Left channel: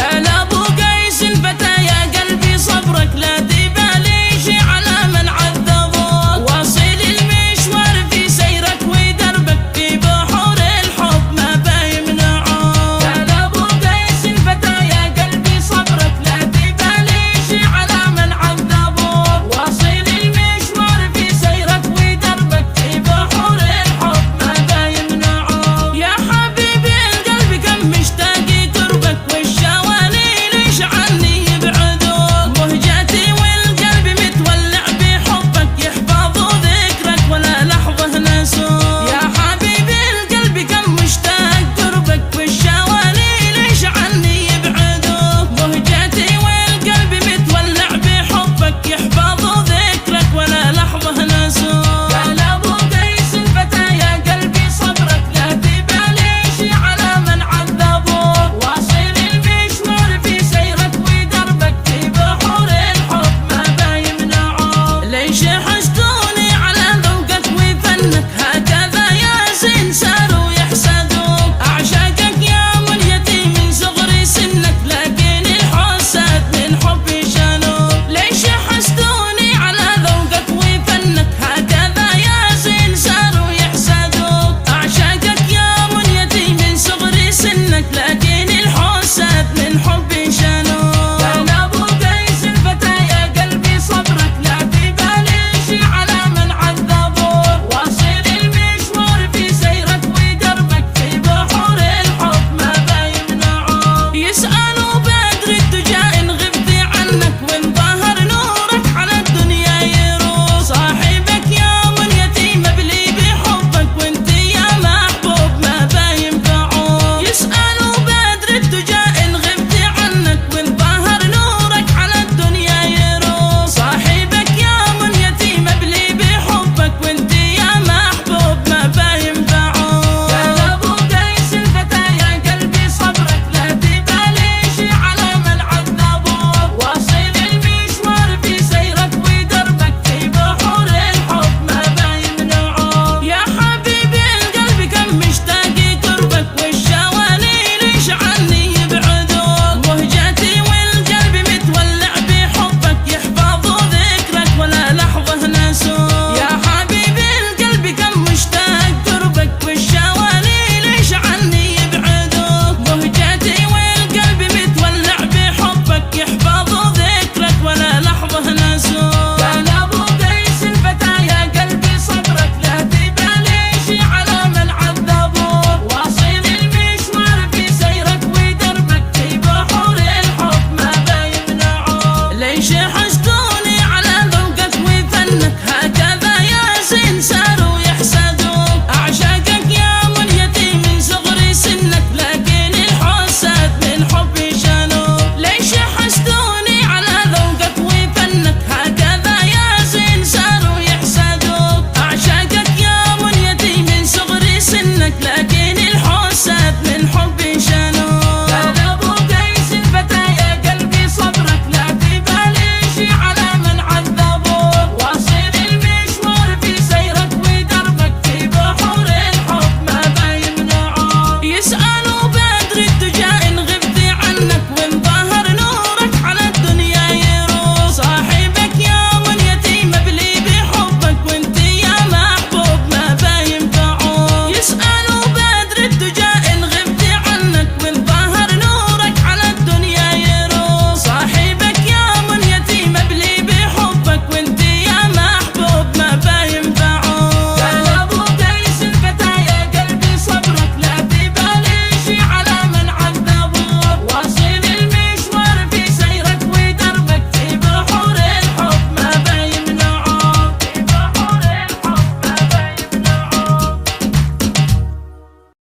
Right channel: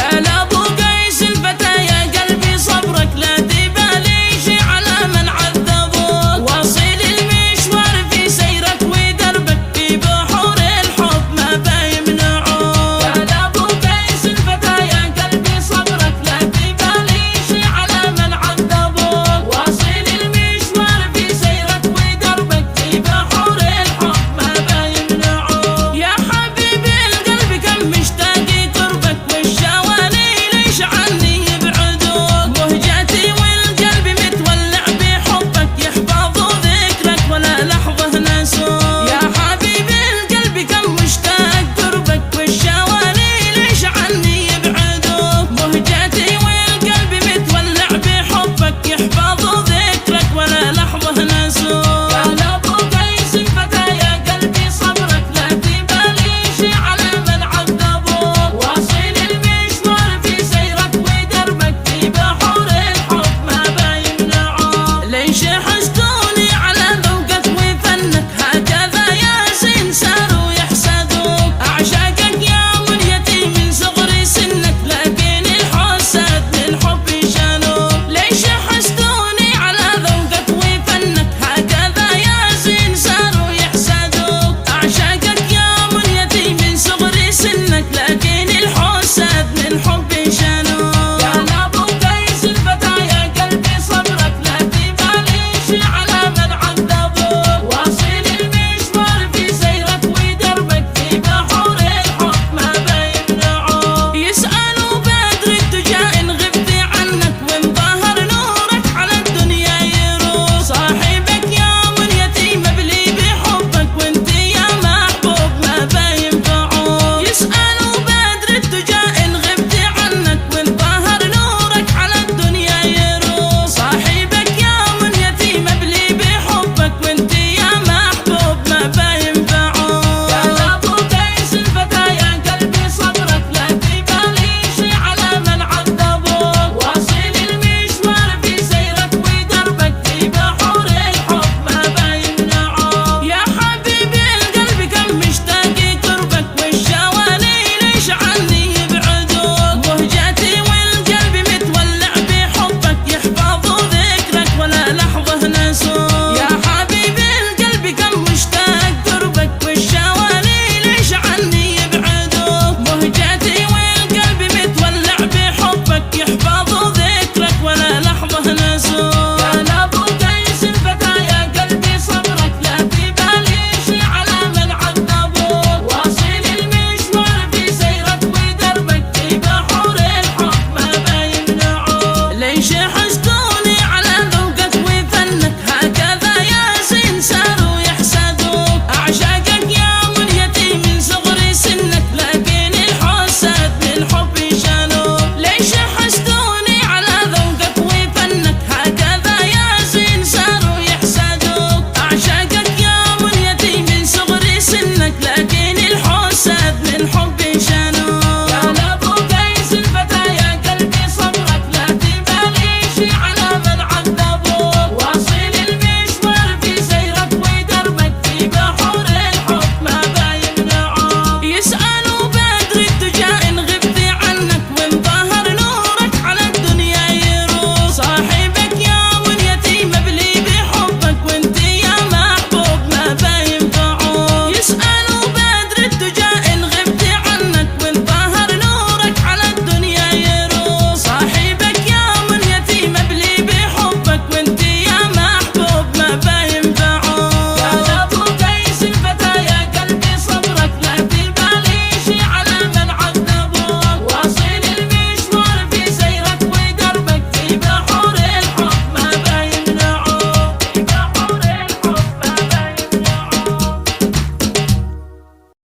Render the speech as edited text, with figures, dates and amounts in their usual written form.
قال ابو قيس الفتى يا قلبي صبرك لا تبالي شي على من عذبوك، واصل المشوار في سيرك ودربك في بحور الحب ما بيمنعوك. قال ابو قيس الفتى يا قلبي صبرك لا تبالي شي على من عذبوك، واصل المشوار في سيرك ودربك في بحور الحب ما بيمنعوك. يا حبيبي القلب كم مشتاق قربك والشواني ليش عني يبعدوك، مهجتي والقلب متولع بحبك يحفظوا ذكرك ولا لحظة نسوك. يا حبيبي القلب كم مشتاق قربك والشواني ليش عني يبعدوك، مهجتي والقلب متولع بحبك يحفظوا ذكرك ولا لحظة نسوك. قال ابو قيس الفتى يا قلبي صبرك لا تبالي شي على من عذبوك، واصل المشوار في سيرك ودربك في بحور الحب ما بيمنعوك. ليش حسدوني على ذوقك وفنك هكذا يا زين صاروا يحسدوك، اعشقك يا منيتي من صغر سنك لكن الحسد من حبي شانوك. ليش حسدوني على ذوقك وفنك هكذا يا زين صاروا يحسدوك، اعشقك يا منيتي من صغر سنك لكن الحسد من حبي شانوك. قال ابو قيس الفتى يا قلبي صبرك لا تبالي شي على من عذبوك، واصل المشوار في سيرك ودربك في بحور الحب ما بيمنعوك. يسألوا بدر الدجى إن غبت عنك وإن ظهر نورك على الدنيا يروك، صاحبك يا منيتي مبلي بحبك وانت يا محبوب ما بينفعوك. يسألوا بدر الدجى إن غبت عنك وإن ظهر نورك على الدنيا يروك، صاحبك يا منيتي مبلي بحبك وانت يا محبوب ما بينفعوك. قال ابو قيس الفتى يا قلبي صبرك لا تبالي شي على من عذبوك، واصل المشوار في سيرك ودربك في بحور الحب ما بيمنعوك. يا حبيبي القلب كم مشتاق قربك والشواني ليش عني يبعدوك، مهجتي والقلب متولع بحبك يحفظوا ذكرك ولا لحظة نسوك. يا حبيبي القلب كم مشتاق قربك والشواني ليش عني يبعدوك، مهجتي والقلب متولع بحبك يحفظوا ذكرك ولا لحظة نسوك. قال ابو قيس الفتى يا قلبي صبرك لا تبالي شي على من عذبوك، واصل المشوار في سيرك ودربك في بحور الحب ما بيمنعوك. ليش حسدوني على ذوقك وفنك هكذا يا زين صاروا يحسدوك، اعشقك يا منيتي من صغر سنك لكن الحسد من حبي شانوك. ليش حسدوني على ذوقك وفنك هكذا يا زين صاروا يحسدوك، اعشقك يا منيتي من صغر سنك لكن الحسد من حبي شانوك. قال ابو قيس الفتى يا قلبي صبرك لا تبالي شي على من عذبوك، واصل المشوار في سيرك ودربك في بحور الحب ما بيمنعوك. يسألوا بدر الدجى إن غبت عنك وإن ظهر نورك على الدنيا يروك، صاحبك يا منيتي مبلي بحبك وانت يا محبوب ما بينفعوك. يسألوا بدر الدجى إن غبت عنك وإن ظهر نورك على الدنيا يروك، صاحبك يا منيتي مبلي بحبك وانت يا محبوب ما بينفعوك.